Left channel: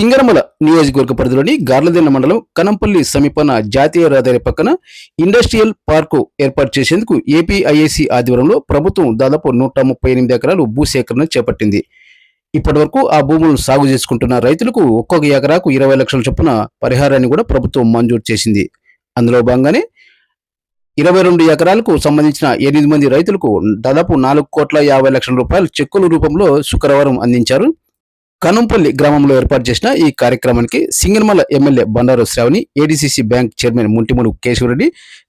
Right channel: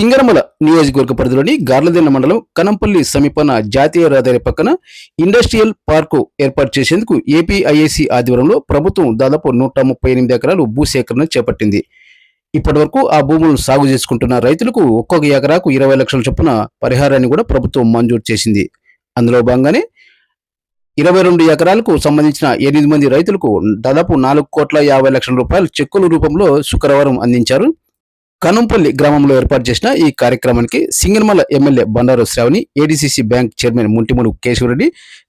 సింగనమల నియోజకవర్గ పరిధిలోని గార్లదిన్న మండలం కనంపల్లి సమీపన జాతీయ రహదారి పక్కన ఇండస్ట్రియల్ పార్కు ఏర్పాటు చేసేందుకు ఏపీఐఐసి ఆధ్వర్యంలో ప్రభుత్వం దాదాపు 138 ఎకరాలు భూసేకరణ చేపట్టింది. ఇప్పటివరకు ఆ భూములను సాగు చేసుకుంటున్న రైతులకు ఒక్కొక్క ఎకరాకు 20 లక్షల చొప్పున పరిహారాన్ని కూడా ప్రభుత్వం మంజూరు చేసింది. అందులో భాగంగానే 22 ఎకరాలకు సంబంధించిన 8 మంది రైతులకు దాదాపు 4,50,00,000 రూపాయల చెక్కుల రూపంలో శుక్రవారం అందించారు. కనంపల్లి గ్రామంలో ఏర్పాటు చేసిన ఈ కార్యక్రమానికి Singanamala MLA Bandaru Sravani, ADCC bank chairman Muntimudu Kesavareddy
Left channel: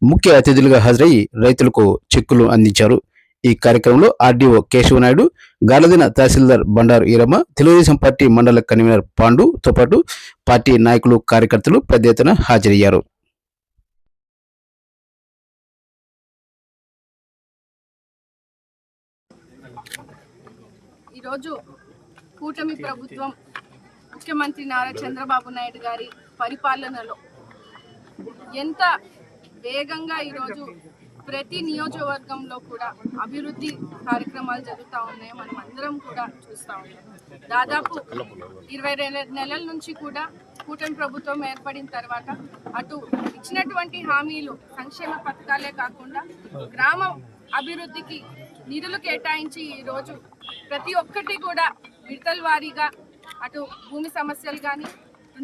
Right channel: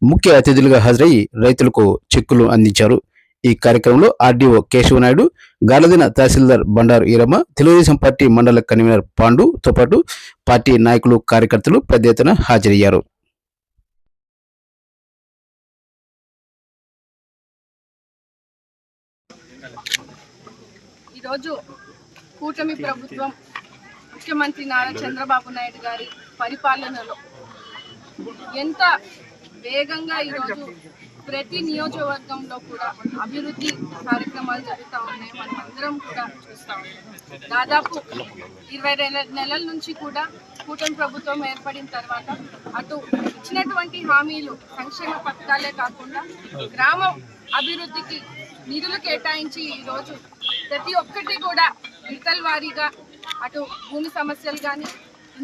ముఖ్య అతిథులుగా హాజరై రైతులకు చెక్కులు అందించారు. ఈ కార్యక్రమంలో ఆర్డీఓ కేశవనాయుడు, గార్లదిన్న తహసీల్దార్ బండారు ఈరమ్మ, తెలుగుదేశం పార్టీ మండల కన్వీనర్ పాండుతో పాటు పార్టీ నాయకులు, కార్యకర్తలు పెద్ద ఎత్తున హాజరయ్యారు. ఈరోజు కూటమి ప్రభుత్వం ముఖ్యమంత్రి నారా చంద్రబాబు నాయుడు గారి పరిపాలనలో ఎంత వేగంగా ఈరోజు ప్రతి నియోజకవర్గంలో కూడా అభివృద్ధి కార్యక్రమాలు జరుగుతూ ఉన్నాయి. మనం అందరం కూడా చూస్తూ ఉన్నాం. దాదాపు 22 నెలల నుంచి కూడా కూటమి ప్రభుత్వం ఏర్పడిన తర్వాత అటు ఇచ్చినటువంటి హామీలు సంక్షేమ పథకాలే కాకుండా గ్రామం అభివృద్ధికి నిధులు కేటాయించి ఈరోజు ప్రతి ఒక్కటి కూడా విడతల వారీగా అటు భూమి సమస్యలు కానీ,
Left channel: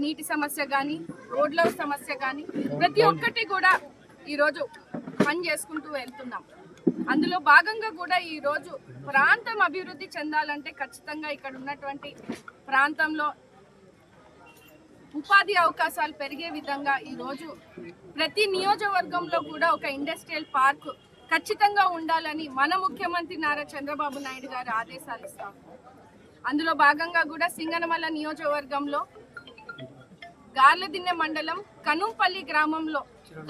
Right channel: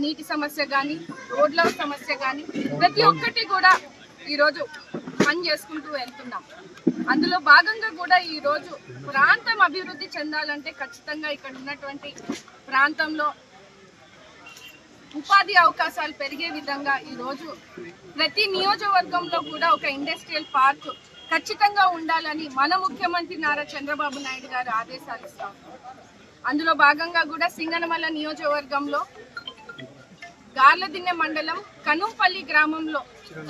నీటి సమస్య కానీ, రోడ్ల సమస్య కానీ ప్రతి ఒక్కటి కూడా ఈరోజు పని చేసుకుంటూ వెళ్తున్నాం. అందులో భాగంగా కూడా ఈరోజు ప్రాంతం అభివృద్ధి చెందాలంటే ఖచ్చితంగా ఇక్కడ ఉన్నటువంటి ప్రాంతంలో ఉపాధి అవకాశాలు పెరిగే విధంగా ఈరోజు ప్రతి నియోజకవర్గంలో కూడా ఒక ఇండస్ట్రియల్ పార్క్ ఖచ్చితంగా ఉండాలని మన ముఖ్యమంత్రి నారా చంద్రబాబు నాయుడు గారు ఆదేశాలు ఇస్తాం. అందులో భాగంగా కూడా సింగనమల నియోజకవర్గంలో గార్లదిన్నె మండలం కనంపల్లి గ్రామంలో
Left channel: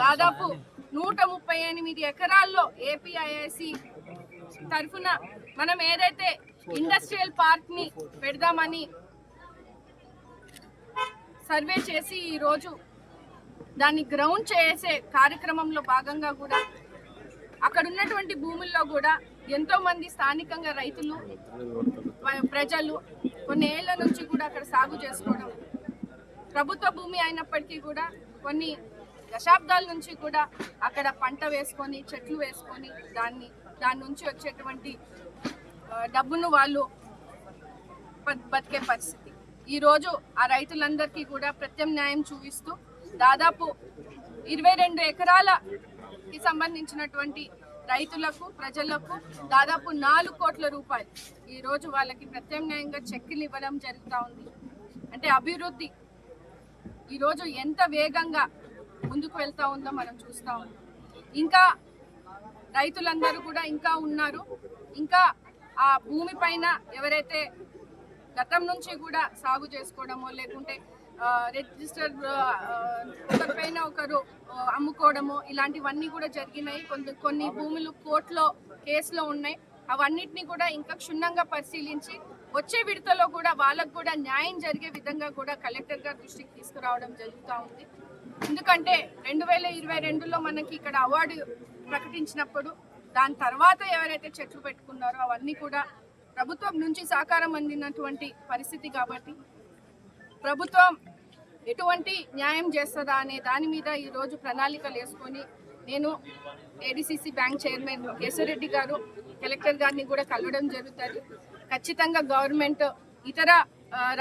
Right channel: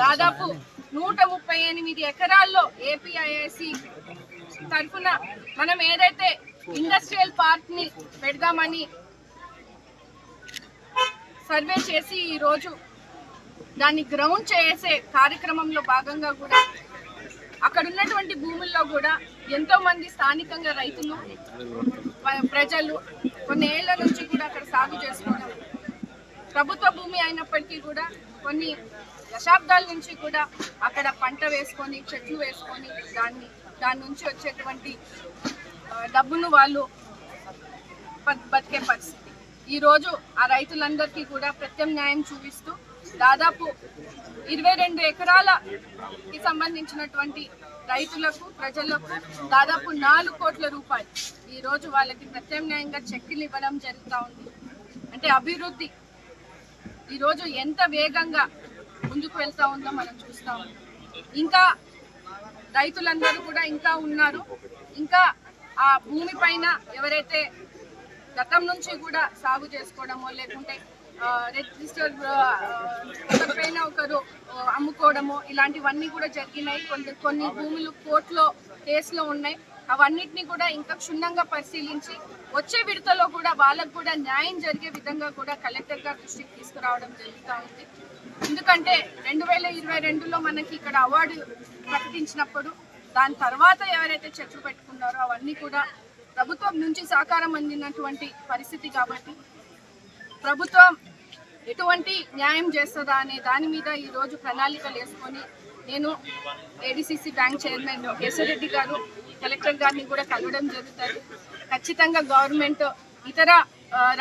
దాదాపు 138 ఎకరాల్లో ఏపీఐఐసి తరఫున మనం ఏదైతే ఇండస్ట్రియల్ పార్క్ ని పెడదామని సర్వే చేసి ఈరోజు దాన్ని గ్రౌండ్ చేసే కార్యక్రమంలో భాగంగా కూడా అక్కడ ఉన్నటువంటి భూముల్లో కూడా ఎంతో మంది స్థానికంగా రైతులు, ప్రజలు కొన్ని ఏళ్ల నుంచి కూడా అక్కడ సాగు చేసుకోవడం, ప్రభుత్వ భూమి అయినప్పటికీ కూడా కొన్ని దశాబ్దాల నుంచి కూడా అక్కడ పంట వేసుకొని, చెట్లు వేసుకొని దాని నుంచి వచ్చేటువంటి డబ్బును వాళ్ళు బతికే పరిస్థితి. ఈరోజు ఆ రైతులందరికీ కూడా ప్రత్యామ్నాయం చూపిస్తూ దాదాపు 22 ఎకరాలకి సంబంధించినటువంటి రైతులకు, ప్రజలకు దాదాపు 4 కోట్ల రూపాయలు ఈరోజు వాళ్ళకి ప్రత్యామ్నాయంగా చెక్కులు ఇవ్వడం జరుగుతూ ఉంది. అంటే అభివృద్ధి ఈరోజు ఎంత వేగంగా ముందుకు వెళ్తూ ఉందో మనం చూస్తూ ఉన్నాం. ఇంకా రైతులందరూ కూడా ఇంకా ఉన్నారు. ఇంకా ఆ భూమి పైన ఎవరైతే గతం నుంచి కూడా సాగు చేసుకోవడమో లేకుంటే రిజిస్టర్ ఒకరిపైన ఒకరు అమ్ముకోవడమో ఇలాంటివన్నీ కూడా జరిగినాయి. కొన్ని భూములు కోర్టులో కేసులో ఉన్నాయి. అవన్నిటిని కూడా ఇంకా క్షుణ్ణంగా పరిశీలించి వచ్చే విడతలో కూడా వాళ్ళకు కూడా న్యాయం జరిగే విధంగా కూడా కలెక్టర్ గారి దృష్టికి తీసుకురావడం జరుగుతూ ఉంది. ఎందుకంటే 2022లో మనకి ఇక్కడ అవార్డు ప్రకటించినప్పుడు దాని తర్వాత ఎవరైతే చెట్లు పెట్టుకున్నారో అవన్నీ కూడా ప్రభుత్వం నుంచి సహకారం అందినటువంటి పరిస్థితి. కాబట్టి ప్రభుత్వం ఎటువంటి న్యాయం చేస్తుందా అనే దాని మీద ఈరోజు ప్రణాళికలు వేసుకొని నేను ఏడీసీసీ బ్యాంక్ చైర్మన్ కేశవరెడ్డి గారు, కలెక్టర్ గారిని కూడా కలవడం జరుగుతుంది. ఖచ్చితంగా గవర్నమెంట్ ఇతర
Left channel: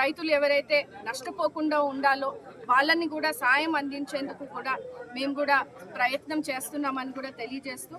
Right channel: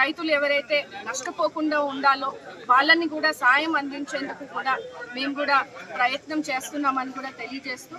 రైతులు ఎవరైతే నష్టపోకుండా ఉండాలో వాళ్ళని కూడా సాయం అందించేందుకు కూడా మేము కూడా ప్రయత్నం చేస్తున్నామని కూడా తెలియజేస్తూ